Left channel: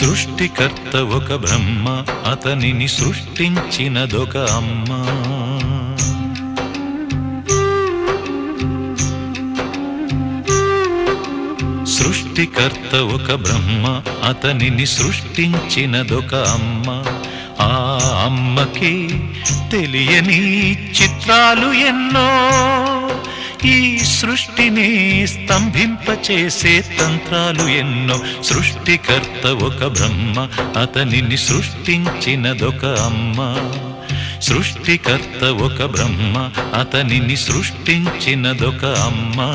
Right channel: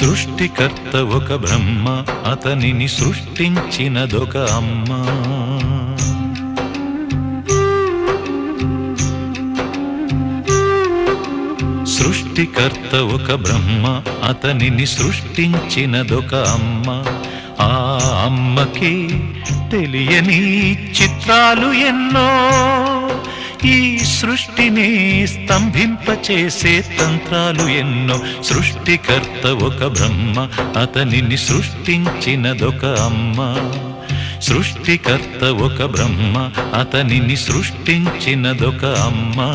సృష్టికర్త ఒక బ్రహ్మ, అతనిని సృష్టించినదొక అమ్మ. సృష్టికర్త ఒక బ్రహ్మ, అతనిని సృష్టించినదొక అమ్మ. ఆ అమ్మకి తెలియని చిత్రాలు ఎన్నో, ఈ సృష్టిని స్తంభింపచేసే తంత్రాలు ఎన్నో. సృష్టికర్త ఒక బ్రహ్మ, అతనిని సృష్టించినదొక అమ్మ. సృష్టికర్త ఒక బ్రహ్మ, అతనిని సృష్టించినదొక అమ్మ.